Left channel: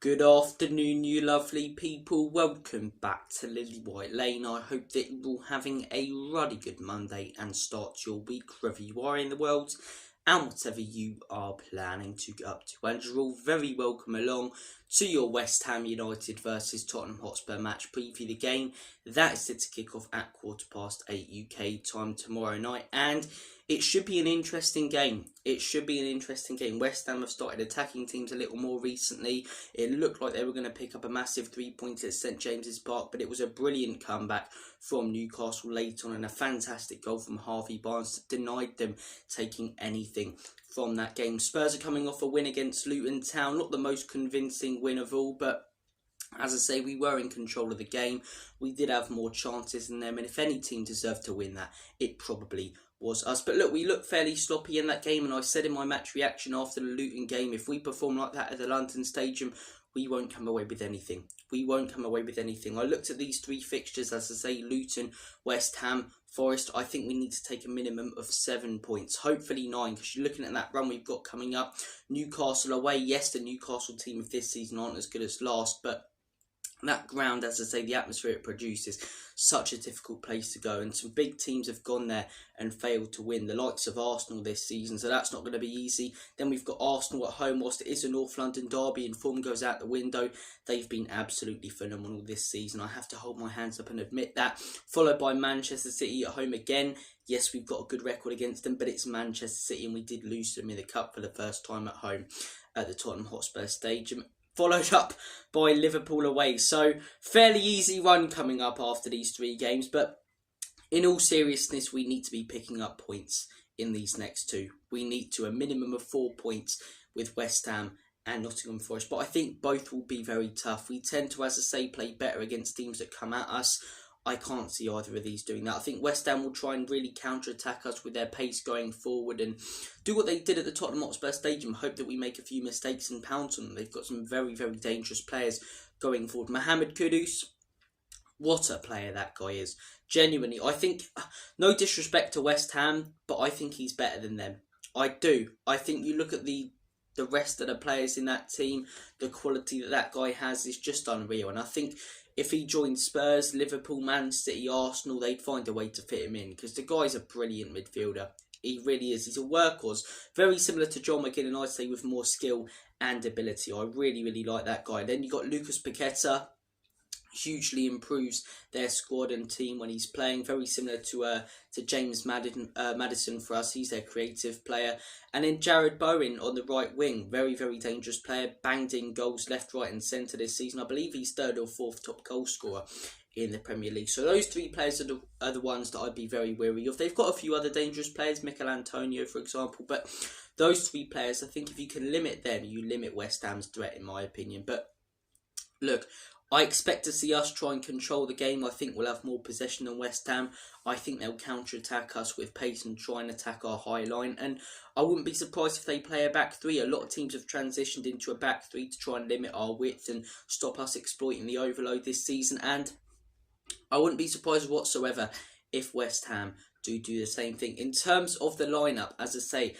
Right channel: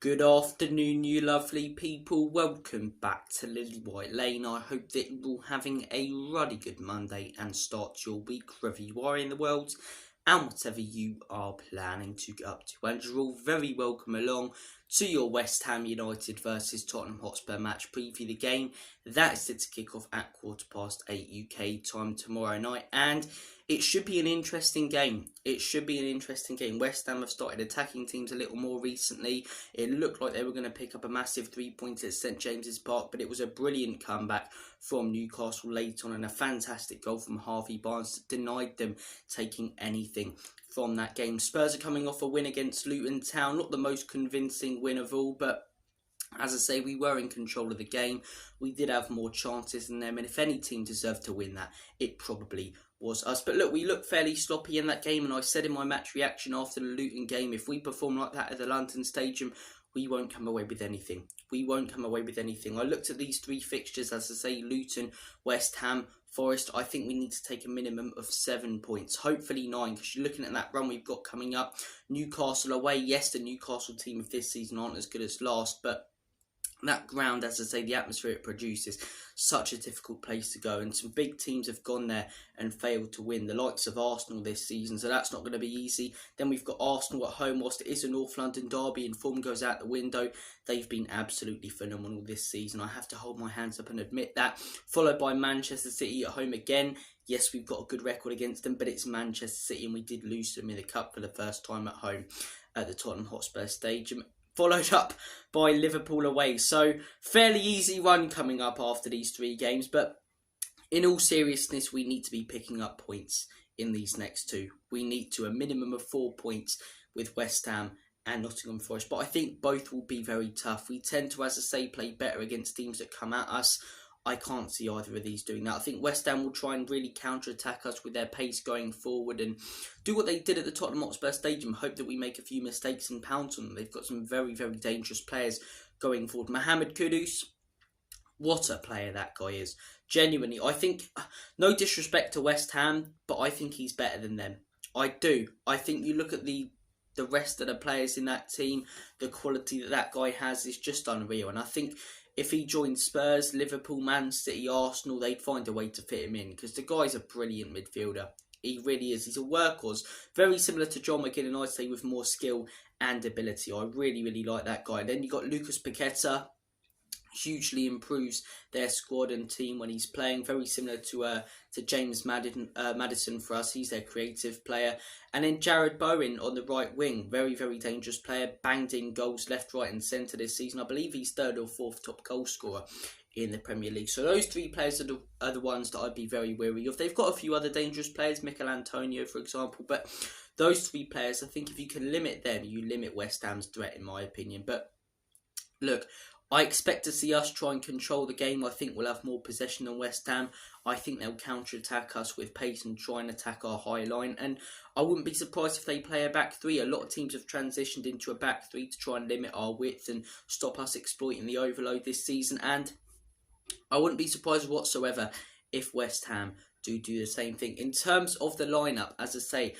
Good afternoon, you lovely people. Welcome back to Lily White Lane. I hope that you're all having a ruddy good Monday and start your week wherever you are in the world and whatever you are planning to get up to. And you're all very welcome along to your West Ham United versus Tottenham Hotspur match preview. The game that is set to kick off at 8:15 UK time tomorrow night, and it should be an interesting game. West Ham have started attacking teams a little more recently. It looked like they were going to pick up a massive 3 points at St James's Park, but it was a brilliant comeback from Newcastle late on and a fantastic goal from Harvey Barnes that denied them taking anything from that game. Spurs are coming off a win against Luton Town. Not the most convincing win of all, but as I say, we were in control of the game. We did have more chances than them, and if any team deserved to win that, it probably was us. But look, we looked fairly sloppy in that game, and I said in my match reaction after the Luton game, if we perform like that at the London Stadium, we won't come away with anything. I looked at these three fixtures, as I say, Luton, West Ham, Forest. I think we need to take a minimum of 7 points, hopefully 9, because you're looking at that run we've got coming up. Newcastle away. Yes, the Newcastle team of this season aren't as good as last, but that ground, as I say, the atmosphere it produces, such a difficult place to go, and some big teams have gone there and failed to win, the likes of Arsenal this season, so that's not going to be easy. Then we've got Arsenal at home. Whilst it is a North London derby and form goes out the window, they've been absolutely phenomenal this season. I have to hold my hands up and admit that. Followed by Manchester City at home again. Yes, we've got a good record against them, but it's Manchester City and we did lose them in the Cup for the first time at home at the Tottenham Hotspur Stadium. Followed up by Liverpool away. So fairly easy run coming up after these three games, but in all seriousness, we need to be picking up points in these next two. We need to a minimum of 4 points with West Ham and Nottingham Forest, but I think both will be very tough. We tend to, as I say, play better against teams that come at us. I can't see either of these doing that. I think West Ham will try and really counter-attack us with their pace going forward and do what they did at the Tottenham Hotspur Stadium. Hope that we make a few mistakes and pounce on them. They've got some very, very dangerous players going forward. Mohamed Kudus, what a player that guy is. Genuinely, I think, no disrespect to West Ham, but I think he's better than them. I do. I think you look at the rest of the players in that team, the quality that guy has is just unreal. And I think if he joined Spurs, Liverpool, Man City, Arsenal, they'd find a way to fit him in because the guy's a brilliant midfielder. He really is. He's a workhorse. Very similar to John McGinn, I'd say, with more skill and ability. I really, really like that guy. Then you've got Lucas Paqueta. Hugely improves their squad and team when he's playing. Very similar to James Maddison for us. He's their creative player. And then Jared Bowen on the right wing. Very, very dangerous player. Banged in goals left, right and centre this season. I believe he's third or fourth top goal scorer in the Premier League. So those three players are the ones that I'd be very wary of. They've got a few other dangerous players. Mikel Antonio, for example. But those three players, I think if you can limit them, you limit West Ham's threat, in my opinion. But look, I expect to see us try and control the game. I think we'll have more possession than West Ham. I think they'll counter-attack us with pace and try and attack our high line. And I wouldn't be surprised if they play a back three. A lot of teams have transitioned into a back three to try and limit our width and stop us exploiting the overload this season. And I wouldn't be surprised whatsoever if West Ham do the same thing. In terms of the lineup, as I say,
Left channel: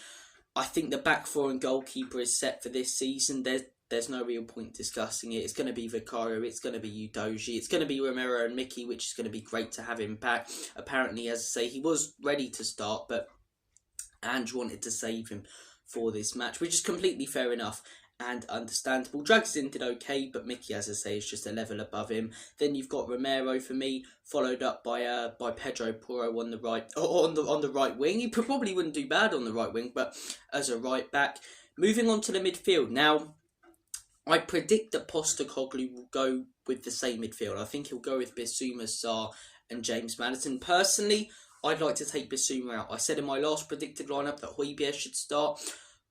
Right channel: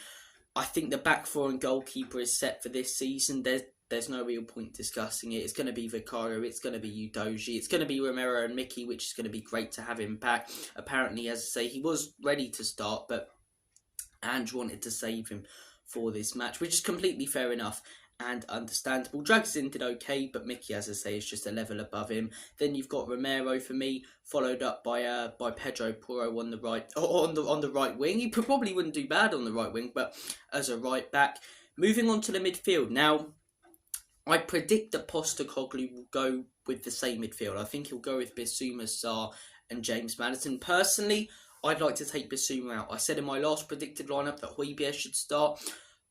I think the back four and goalkeeper is set for this season. There's no real point discussing it. It's going to be Vicario, it's going to be Udogie, it's going to be Romero and Mickey, which is going to be great to have him back. Apparently, as I say, he was ready to start, but Ange wanted to save him for this match, which is completely fair enough and understandable. Draxin did okay, but Mickey, as I say, is just a level above him. Then you've got Romero for me, followed up by Pedro Porro on the right, on the right wing. He probably wouldn't do bad on the right wing, but as a right back. Moving on to the midfield now. I predict that Postecoglou will go with the same midfield. I think he'll go with Bissouma, Sarr and James Maddison. Personally, I'd like to take Bissouma out. I said in my last predicted lineup that Højbjerg should start.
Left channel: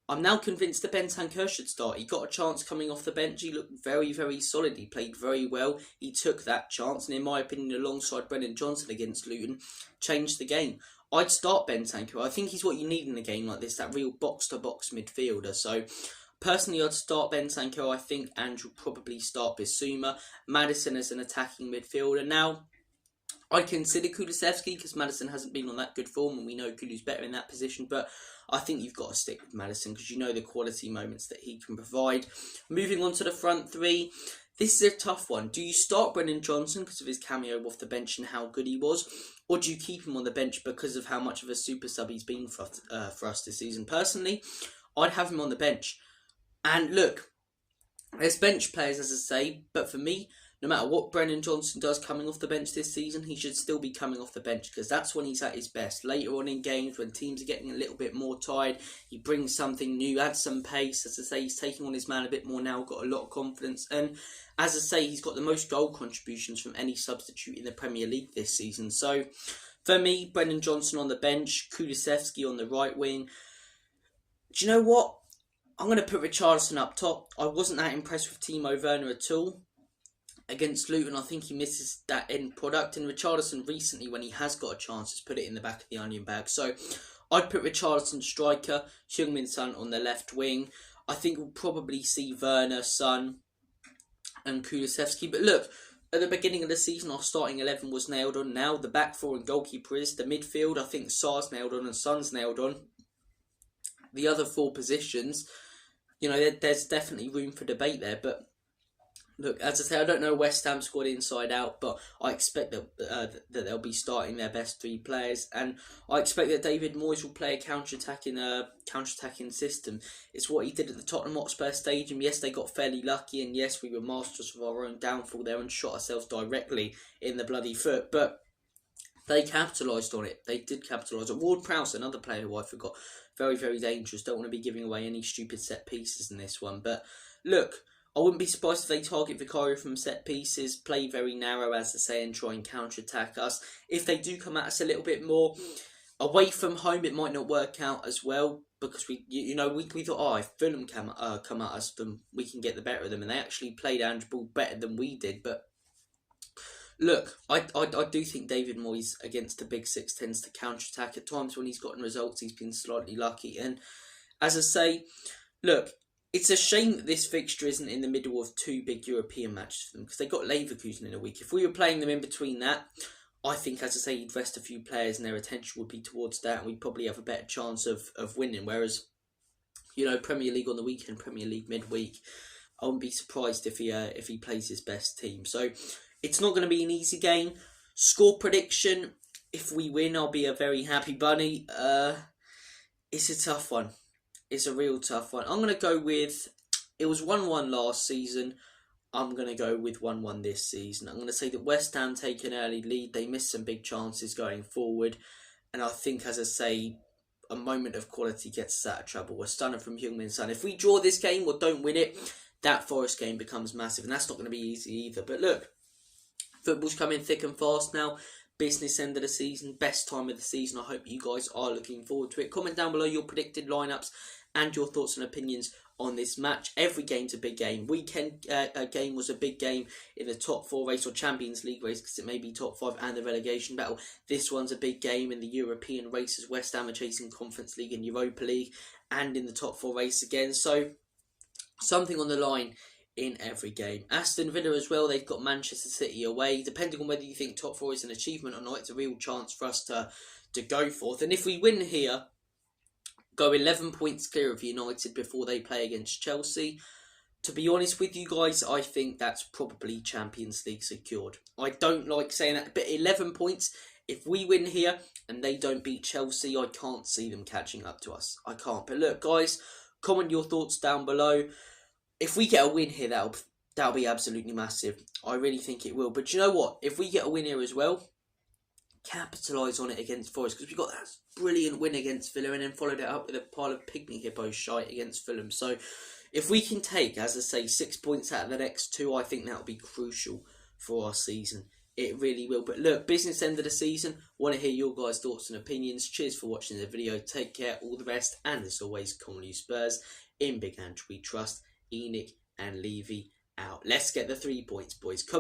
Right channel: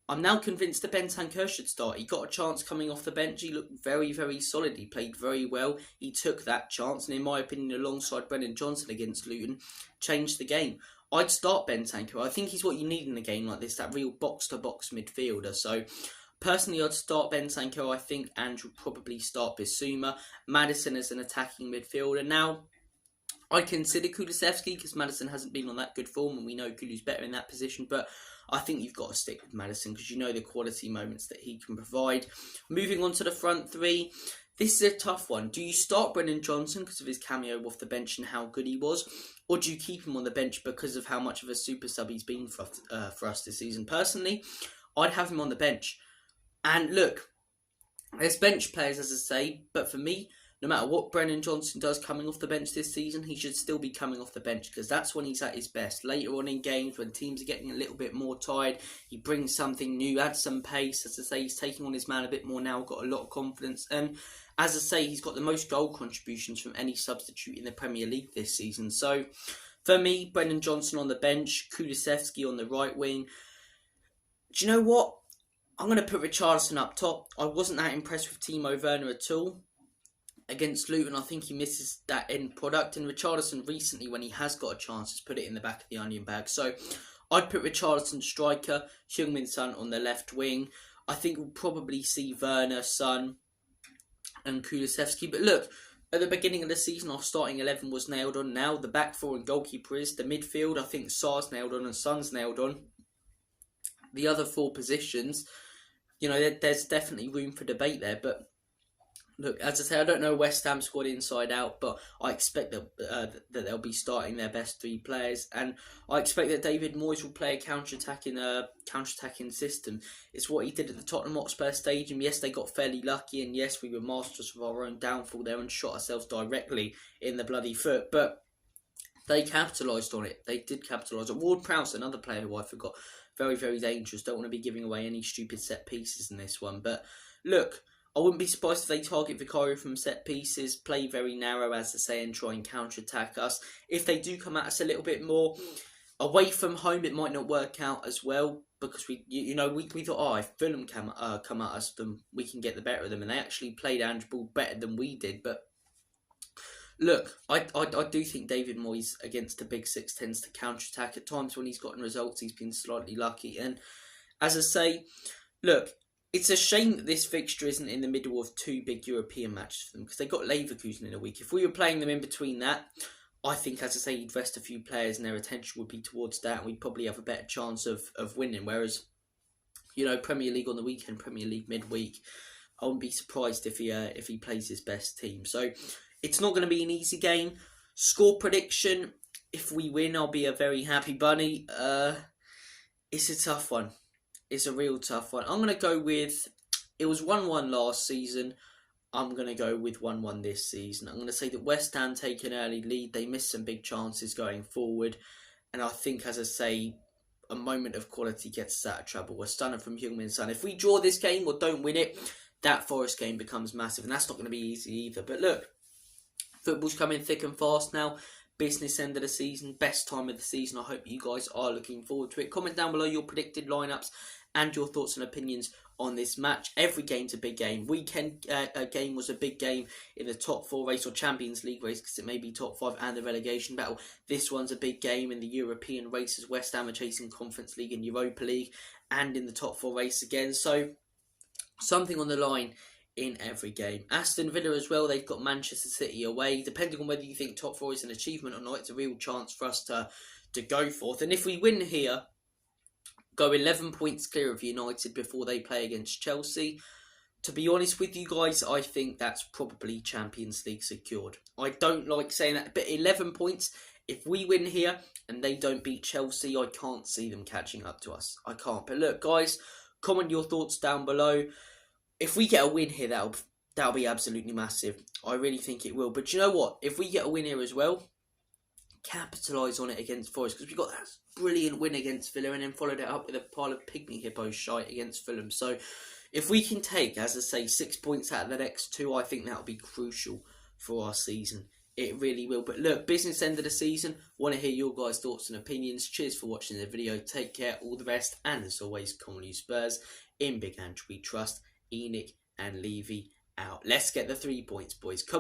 I'm now convinced that Bentancur should start. He got a chance coming off the bench. He looked very, very solid. He played very well. He took that chance, and in my opinion, alongside Brennan Johnson against Luton, changed the game. I'd start Bentancur. I think he's what you need in a game like this, that real box-to-box midfielder. So personally, I'd start Bentancur. I think Ange will probably start Bissouma. Maddison as an attacking midfielder. Now, I'd consider Kulusevski because Maddison hasn't been on that good form, and we know Kulu's better in that position, but I think you've got to stick with Maddison because you know the quality moments that he can provide. Moving on to the front three, this is a tough one. Do you start Brennan Johnson because of his cameo off the bench and how good he was, or do you keep him on the bench because of how much of a super sub he's been for us this season? Personally, I'd have him on the bench. And look, there's bench players, as I say, but for me, no matter what Brennan Johnson does coming off the bench this season, he should still be coming off the bench because that's when he's at his best. Later on in games, when teams are getting a little bit more tired, he brings something new, adds some pace. As I say, he's taking on his man a bit more now, got a lot of confidence. And as I say, he's got the most goal contributions from any substitute in the Premier League this season. So, for me, Brennan Johnson on the bench, Kulusevski on the right wing. Do you know what? I'm going to put Richarlison up top. I wasn't that impressed with Timo Werner at all. Against Luton, I think he misses that end product. And Richarlison recently, when he has got a chance, has put it in the back of the onion bag. So I'd put Richarlison striker, Heung-min Son on the left wing. I think we'll probably see Werner, Son and Kulusevski. But look, at the beginning of the season, our starting 11 was nailed on. Now the back four and goalkeeper is. The midfield, I think Sar's nailed on and Son's nailed on. The other four positions, you know, there's definitely room for debate there. But look, as I say, I don't know West Ham squad inside out, but I expect that they'll be starting their best three players, and I expect that David Moyes will play a counter-attacking system. It's what he did at the Tottenham Hotspur Stadium. Yes, they got fairly lucky, and yes, we were masters of our own downfall there and shot ourselves directly in the bloody foot, but they capitalised on it. They did capitalise on it. Ward-Prowse, another player who I forgot, very, very dangerous. Don't want to be giving away any stupid set pieces in this one, but look, I wouldn't be surprised if they target Vicario from set pieces, play very narrow, as I say, and try and counter-attack us. If they do come at us a little bit more away from home, it might not work out as well because we thought, if Fulham come at us, then we can get the better of them, and they actually played Ange'S better than we did. But look, I do think David Moyes against the big six tends to counter-attack at times when he's gotten results. He's been slightly lucky, and as I say, look, it's a shame that this fixture isn't in the middle of two big European matches for them because they got Leverkusen in a week. If we were playing them in between that, I think, as I say, you'd rest a few players and their attention would be towards that, and we'd probably have a better chance of winning. Whereas, you know, Premier League on the weekend, Premier League midweek, I wouldn't be surprised if he plays his best team. So it's not going to be an easy game. Score prediction: if we win, I'll be a very happy bunny. It's a tough one. It's a real tough one. I'm going to go with, it was 1-1 last season. I'm going to go with 1-1 this season. I'm going to say that West Ham take an early lead. They missed some big chances going forward. And I think, as I say, a moment of quality gets us out of trouble. A stunner from Heung-min Son. If we draw this game or don't win it, that Forest game becomes massive. And that's not going to be easy either. But look, football's coming thick and fast now. Business end of the season, best time of the season. I hope you guys are looking forward to it. Comment down below your predicted lineups and your thoughts and opinions on this match. Every game's a big game. Weekend game was a big game in the top 4 race or Champions League race because it may be top 5 and the relegation battle. This one's a big game in the European races. West Ham are chasing Conference League and Europa League and in the top 4 race again. So something on the line in every game. Aston Villa as well, they've got Manchester City away. Depending on whether you think top 4 is an achievement or not, it's a real chance for us to go forth. And if we win here, go 11 points clear of United before they play against Chelsea. To be honest with you guys, I think that's probably Champions League secured. I don't like saying that, but 11 points, if we win here and they don't beat Chelsea, I can't see them catching up to us. I can't. But look, guys, comment your thoughts down below. If we get a win here, that'll be absolutely massive. I really think it will. But you know what? If we get a win here as well, capitalise on it against Forest, because we got that brilliant win against Villa and then followed it up with a pile of pygmy hippo shite against Fulham. So if we can take, as I say, 6 points out of the next 2, I think that'll be crucial for our season. It really will. But look, business end of the season. Want to hear your guys' thoughts and opinions. Cheers for watching the video. Take care. All the best. And as always, come on you Spurs. In Big Ange we trust. Enoch and Levy out. Let's get the 3 points, boys. Come